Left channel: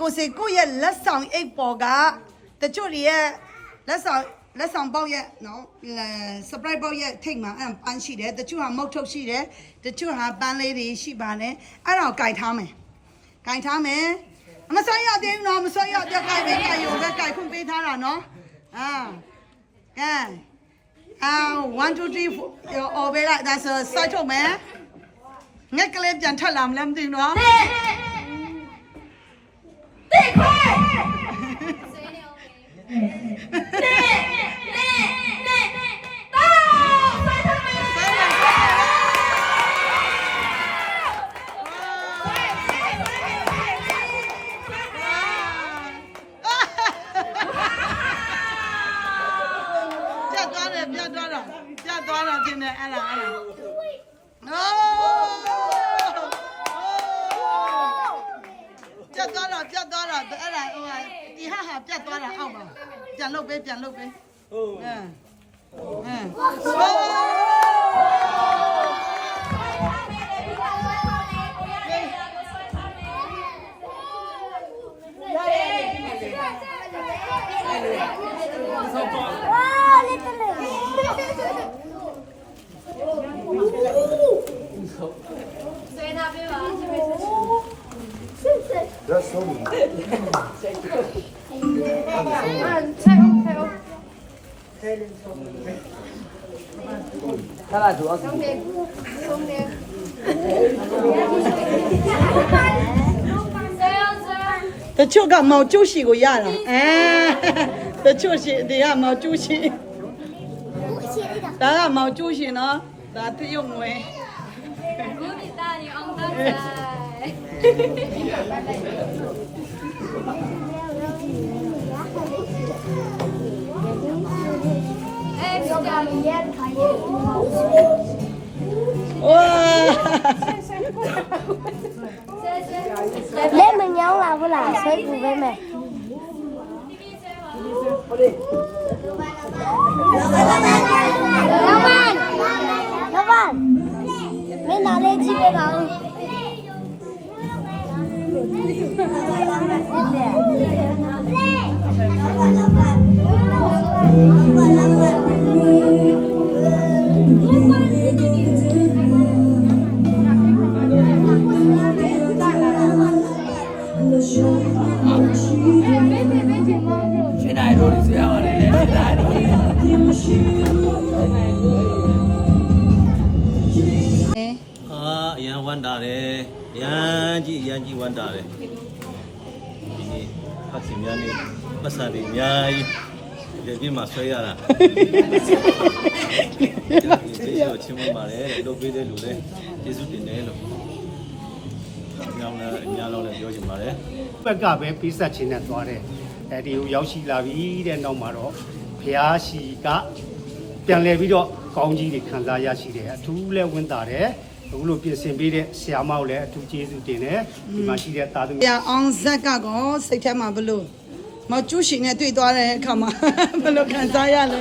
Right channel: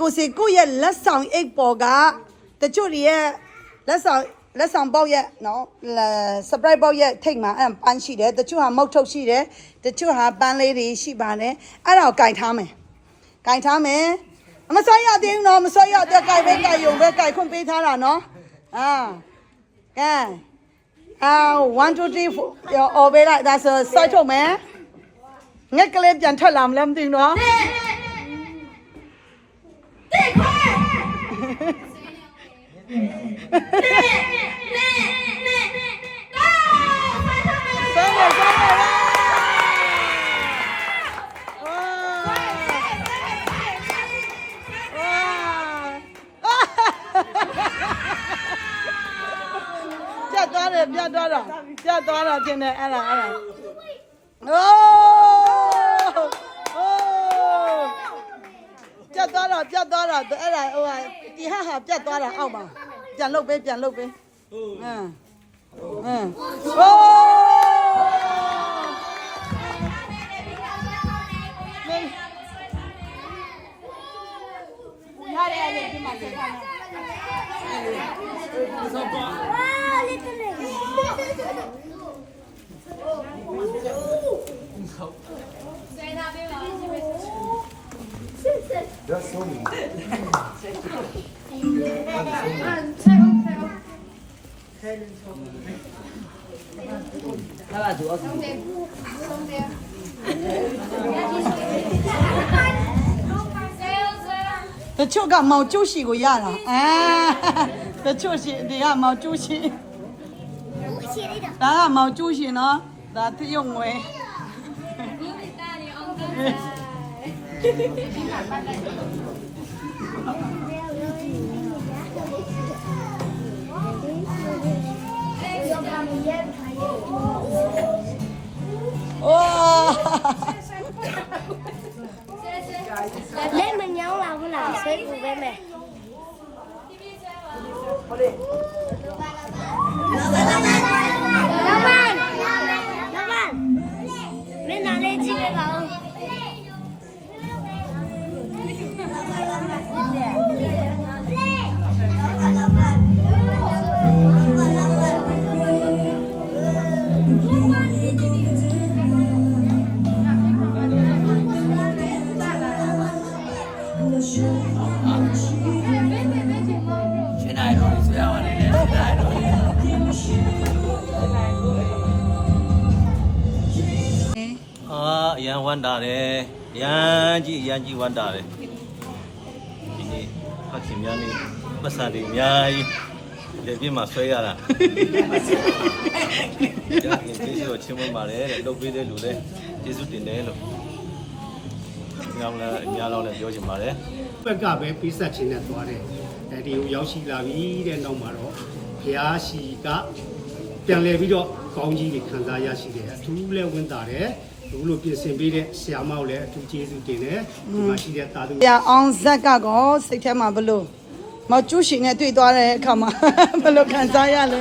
ကိုရဲ့လက်ဆောင်အိတ်ပေါ်ကတချို့ရဲ့လက်ဆောင်ပေါက်ရဲ့နော် surprise ပေါက်ရဲ့ထိတ်မှာပန်းရှိတယ်တချို့ဟာမုတ်ထုတ်ရှိတယ်တချို့ဟာပန်းလေးတွေရှိပါတယ်အဲ့ဒါကိုကင်ထားမယ်မဆွဲရသေးဘူးနော်မဆွဲရတော့ကင်ပေးရုံတော့ကင်ခွင့်ပေးထားတာနော်1 2 3 4 over လိုက်ဒါဆိုဆွဲထုတ်မယ်ငှက်ကလေးပြန်ထွက်လာမလဲမသိဘူးနော်ပြတ်သွားတာကျင်းနေအဲ့ဒါပြတ်သွားတာအဲ့ဒါဒီဟာပြတ်သွားတာအောက်မှာပြန်လုပ်ပေးလက်မတချို့ကမောင်ကျုပ်ရှိကိုရတာတချို့ရှိဒီကမောင်ကျုပ်ရှိဒါကမောင်ကျုပ်ရှိနော်ဒါတရုံငွေlên mình nhau là có làm xây của bên mẹ các bạn bên nào lên chi về bảoအရန်ဝမ်းတာတယ်ရန်ကြီးဝမ်းတာတယ်ဒီနေ့ဖတ်ခင်များနေပတ်စာတွေအများကြီးဒီပြမှာဆွဲရတာကျေးဇူးချင်းမပါတယ်တဲ့လုပ်ပေးတဲ့လူလည်းကျေးဇူးတင်တယ်လို့များလောက်လည်းပြောချင်ပါတယ်ဘက်ကပဲပေးဆက်ခြင်းနဲ့သွားတယ်ဒီကိုရောက်ရှိလာပြီတဲ့နောက်မှာတော့ဖျားရှိကပြန်လဲပြီးတော့ကောင်းကြီးတွေခံစားရရှိတယ်အထူးလဲဝန်းတာတယ်ဘုလိုပြင်ဆင်ပေးတဲ့ဆရာမကိုလည်းအထူးကျေးဇူးတင်တယ်ဒီမှာရှိတဲ့သားသမီးအောင်ဇက်ကကောစိတ်ထဲမှာဘလို့မောင်ကျူးရှင်နဲ့တွေ့သွားတဲ့အခါမှာဘလို့ခံစားရလဲ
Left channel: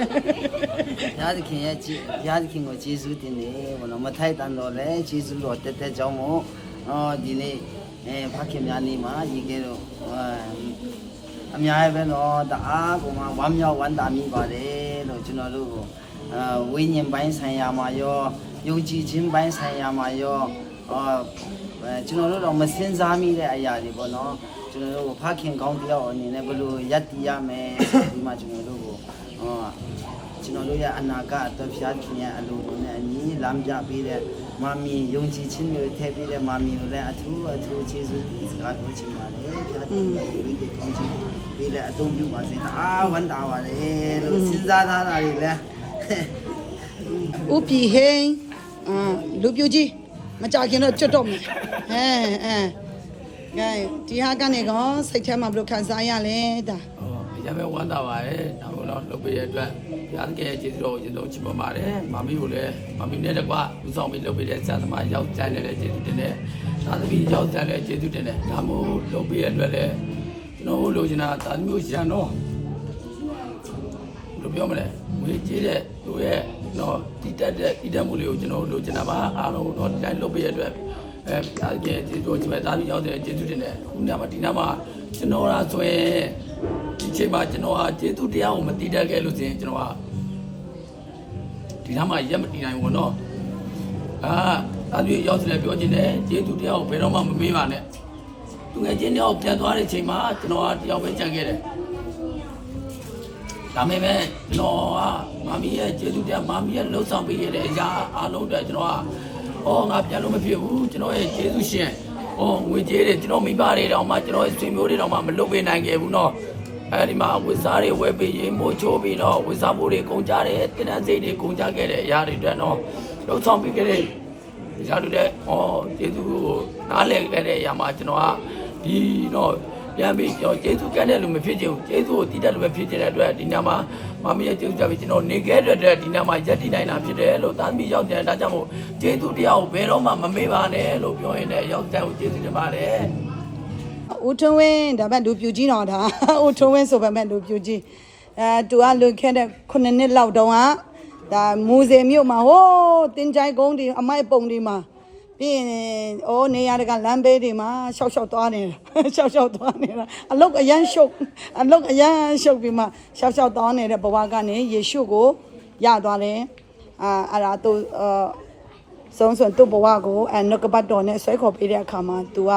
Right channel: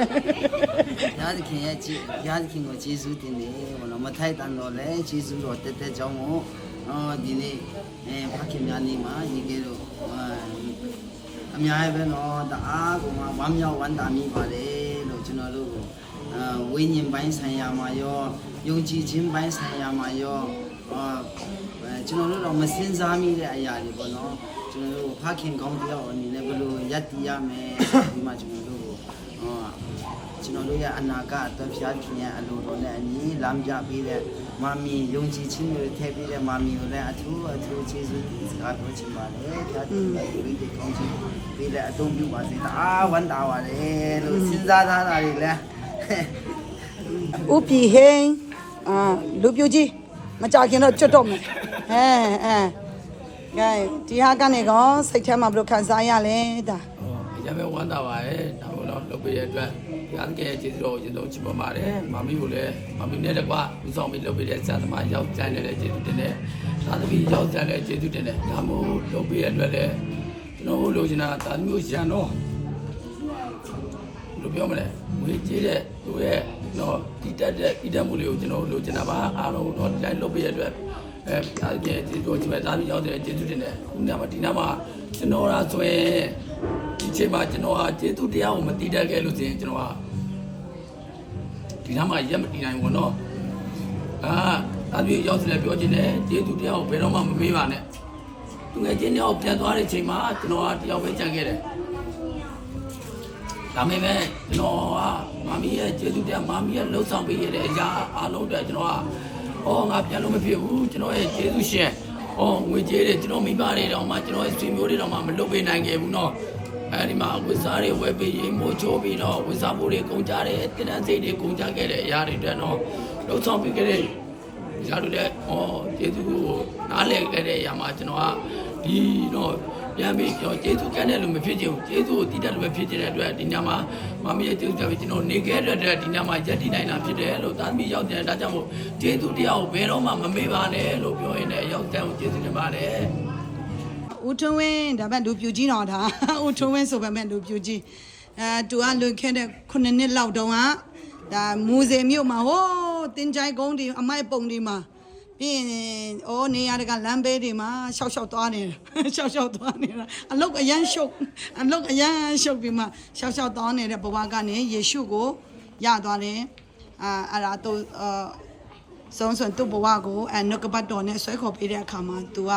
ရားသခင်ကိုကျေးဇူးတင်တယ်ဘောနော်မထိုက်တန်တော့လဲကျေးဇူးတော်တက်ကြောင်းမို့ဒီနေ့ဖခင်များနေမှာရေကဲတော့အများကြီးပဲနော်တအားကိုမှဝမ်းမြောက်ဝမ်းသာမိပါတယ်လို့ကျွန်တော်တို့ဝိညာဉ်ပိုင်းဆိုင်ရာမှာရောယုံကြည်ခြင်းပိုင်းဆိုင်ရာမှာရောကျွန်တော်တို့တော့မစင်စားမိတဲ့အရာတွေပေါ့နော်ကျွန်တော်တို့ဖခင်ကောင်းတယောက်အနေနဲ့ဘယ်လိုရပ်တည်ရမယ်ဒီမှာကျွန်တော်တို့ရဲ့အနာဂတ်အတွက်ဖခင်ရဲ့အလိုတော်နဲ့အညီလမ်းပြပေးတဲ့မမီယုံကြည်ခြင်းတွေထည့်ပေးတဲ့မမီကိုလည်းအထူးကျေးဇူးစကားပြောချင်ပါတယ်ဖခင်ရဲ့ဒီလိုကောင်းချီးပေးတဲ့အသုံးပြုပါစေတအားဝမ်းသာပါတယ်လို့စဉ်းစားထားတာတွေလည်းဥပီဟင်းလူပြူကြီးမကြခင်တော့ကျွတ်တော့မယ်ကဲဒီဟာကနေကောစိတ်ထဲမှာဘယ်လိုခံစားရလဲဒါရပဲဝမ်းသာပါတယ်ဒါမို့လို့လုပ်ပေးတဲ့အတွက်ရသကရဲ့ကျေးဇူးတော်ကိုကျေးဇူးချီးမွမ်းပါတယ်မမီကိုလည်းမမီနဲ့တကွလူဆောင်ပြီးလုပ်ပေးတဲ့ဆရာသမားရောက်ကြိုင်တဲ့ကျေးဇူးတင်တယ်သာသမီရောက်ကြတဲ့ကျေးဇူးတင်တယ်ဒါမို့လုပ်ပေးတဲ့အတွက်လည်းကျွန်တော်တို့လိုချင်တာသာသမီကိုရန်တော့လို့ပြောမလဲငွေကြေးတဲ့လူရဲ့တော့တည်တတ်မှုလေးကိုကျွန်တော်လိုချင်တာပါအားလုံးတော့ဒီတိုင်းလုပ်ပေးရတဲ့အတွက် ရားသခင်ကျေးဇူးတော်ကြီးမဲ့သားသမီးရောက်တဲ့ကျေးဇူးတင်တယ်ခုညမှာဒီနားမှာကျွန်တော်ရာဆိုရင်ဒီချိန်မှာကျွန်တော်ဟာကျေးဇူးတရားကိုမတည်တတ်ခဲ့လို့ဆိုရင်ကျွန်တော်ဟာဒီနားမှာရက်မတည်နိုင်ဘူးနော်သားသမီးရောက်စလဲပြောခြင်းနဲ့ကျေးဇူးတရားကိုဘယ်တော့မှမမေးပါနဲ့သူငယ်ချင်းတယောက်ပြန်သွားတဲ့ချိန်မှာကျွန်တော်ဟာတယောက်ပဲကြံခဲ့တယ်ဒါပေမဲ့ကျွန်တော်ကမမီရဲ့ကျေးဇူးတရားမမီရဲ့လှုပ်ဆောင်ပေးရတဲ့အရာအားလုံးတွေကျွန်တော်ကငါပြန်လို့မဖြစ်ဘူးကျွန်တော်ရဲ့ကျေးဇူးရှင်ငွေကြေးတွေကျွန်တော်မိဘတွေတောင်မှကျွန်တော်ရဲ့ဆွေမျိုးတွေတောင်မှမလုပ်ပေးနိုင်ခဲ့ဘူးเนาะအဲဒီမှာဝိစားတွေဝယ်ပေးရင်မိုးချိုးပြီးတော့ဝိစားဖို့တွေကုန်ကြတယ်တင်တန်းစိတ်တွေကုန်ကြခဲ့တဲ့အရာတွေတက်เนาะလှုပ်ဆောင်ပေးခဲ့တဲ့ရာတွေလည်းကျေးဇူးကိုနားလည်ခဲ့တဲ့အရာမှာကျွန်တော်ကဒီတော့ပြန်ပြီးကျွန်တော်ကျေးဇူးကမ်းတဲ့လူမဖြစ်ချင်ဘူးကျေးဇူးကိုတည်တတ်လို့ပဲဖြစ်ချင်တဲ့အတွက်ဒီညမှာမမီးရဲ့ကျေးဇူးကြပြီးကျွန်တော်နေခဲ့တဲ့ဒီညမှာရက်တည်နိုင်တာဖြစ်တယ်လို့သားသမီးရောက်တယ်ဒါကြောင့်မို့ကျေးဇူးတရားကိုဘယ်တော့မှမမေ့ပါနဲ့လို့ပြောရင်းနဲ့ရောက်တဲ့ကိုကျေးဇူးတင်ပါတယ်ဦးထွန်းဝင်းဒါပေမဲ့လူပြူကြီးတော့ဒါဦးထွန်းဝင်းဆိုပေမဲ့လူပြူကြီးသူကလွန်ခဲ့တဲ့9နှစ်လောက်တုန်းကဒါမူစေမြို့မှာဟိုးတင်ကြိုင်ကုန်းဒီအမိုက်ပုံဒီမှာပြီးရင်နေရာတကလမ်းဘေးတွေမှာရှောက်သွားနေတာသွားနေတာအလုတ်အရန်ရှုပ်ပြီးမှရှောက်သွားနေတဲ့ဘဝကနေယေရှုကိုရသွားတယ်အဲ့ဒါသူဆုံးသူ့ဘဝကိုနှုတ်ကပတ်တော်နဲ့ဆွဲခေါ်ပေးတဲ့အခါမှာသူက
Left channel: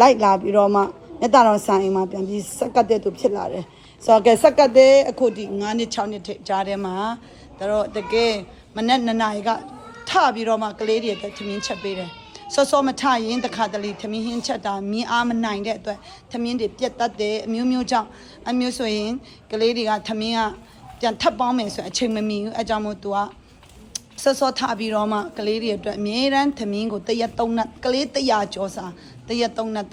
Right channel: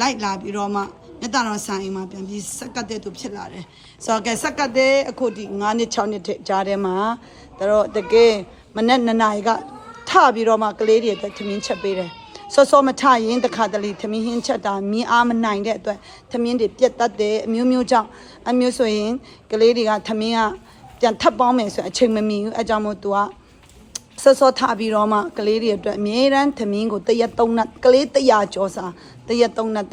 လိုက်လာပြီးတော့မှမြတ်တော်ဆန်အိမ်မှာပြန်ပြီးစက်ကတ်တဲ့သူဖြစ်လာတယ်ဆိုတော့ကဲစက်ကတ်တဲ့အခုဒီ9နှစ်6နှစ်ကြားထဲမှာတို့တကယ်မနေ့2နာရီကထပြီးတော့မှကလေးတွေအတွက်သမင်းချက်ပေးတယ်စောမထရင်တခါတလေသမင်းဟင်းချက်တာမြင်းအားမနိုင်တဲ့အတွက်သမင်းတွေပြက်တတ်တယ်အမျိုးကြောင့်အမျိုးဆိုရင်ကလေးတွေကသမင်းကပြန်ထပ်ပေါင်းမယ်ဆိုအချိန်မမီဘူးအဲကြောင့်မို့သူကစောထပြီးတော့မှကလေးတွေအတွက်အမြဲတမ်းသမင်းကိုတရက်3နတ်ကလေး100ကျော်စာတရက်3နတ်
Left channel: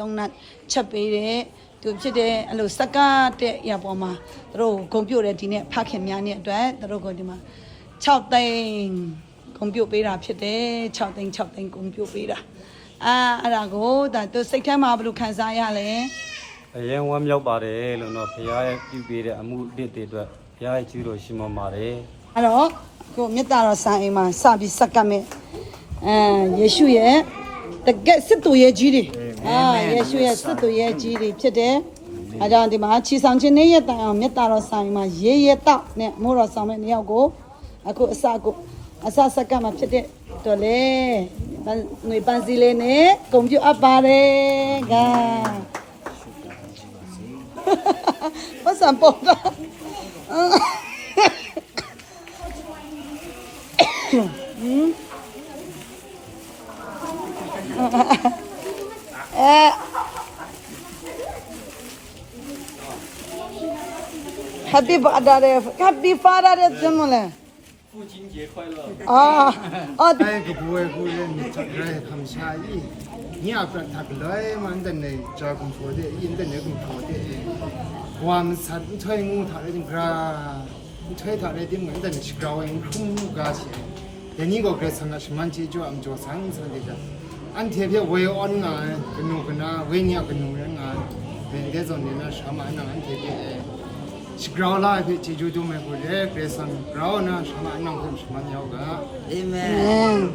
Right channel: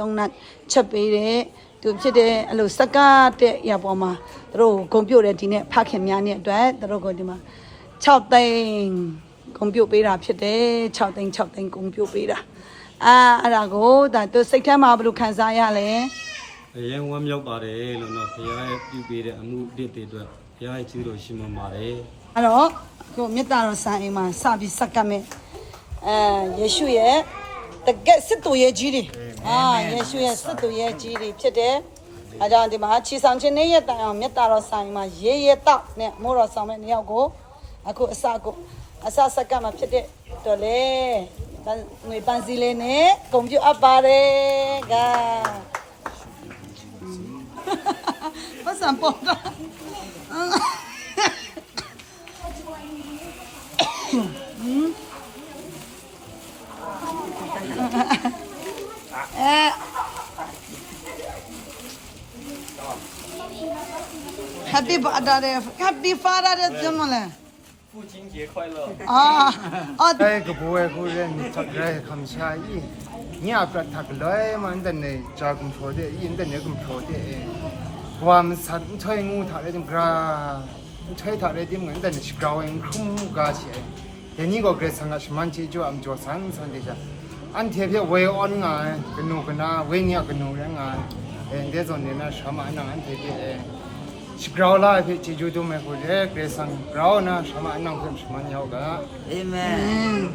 ချက်ပေးတယ်သူဖြစ်တဲ့အလိုစကားတဲ့ရပေါ်မှာတို့ဂုံပြုတ်တယ်ဒီနေ့ဖခင်များနဲ့အတွက်တို့ကိုဒီမှာ6သိန်းဂုံပြုတ်ပေးတာဖြစ်တယ်6သိန်းဂုံပြုတ်ပေးတာအဲ့ဒါကိုဒါသူစိတ်ထဲမှာဘယ်လိုခံစားရလဲအရင်ဝမ်းမြောက်ပါတယ်လို့တော့ဘုရားရဲ့ပြုပေးတဲ့အမှုတစ်တွေအတွက်ဘုရားရဲ့ကျေးဇူးတော်ရှိမှပါတယ်အဲ့တော့ကိုမြတ်တော်ဆန်အိမ်မှာစပြီးစက္ကပ်မယ်ယေရှုရဲ့တကယ်စစ်သူရဲ့ကြီးတွေယေရှုရဲ့စစ်သူရဲ့ကြီးတွေဖြစ်တယ်အဲကြောင့်ဒီမှာချီဆောင်ခြင်းနဲ့ရတဲ့အောင်မြတ်တော်ဆန်အိမ်မှာရေရတောက်နဲ့မိုးတော်ဆောင်မဲ့နှစ်ယောက်ကိုအခုအစစက္ကပ်မှာဖြစ်တဲ့တော်လေငွေပန်းစီလေးနဲ့ကွန်ပျူတာပါတယ်ကပတ်စံပေါ်တော့Happy Father Day 怎么了？父亲节快乐！哎，个不会个人他来看下伊，你也不他个来嘛，等你加工错的，因等你工错的，我们三推我他那点个，推他那点个等你去搞因空个些，人你个个生个什么节就俺做生的着，俺特别为安啊，跟侬跟那为你跟侬人啊，这种人那什么那俺特别。是搞啦，这就都没过来，这上搞呢，什么弄什么鸟个。Amen。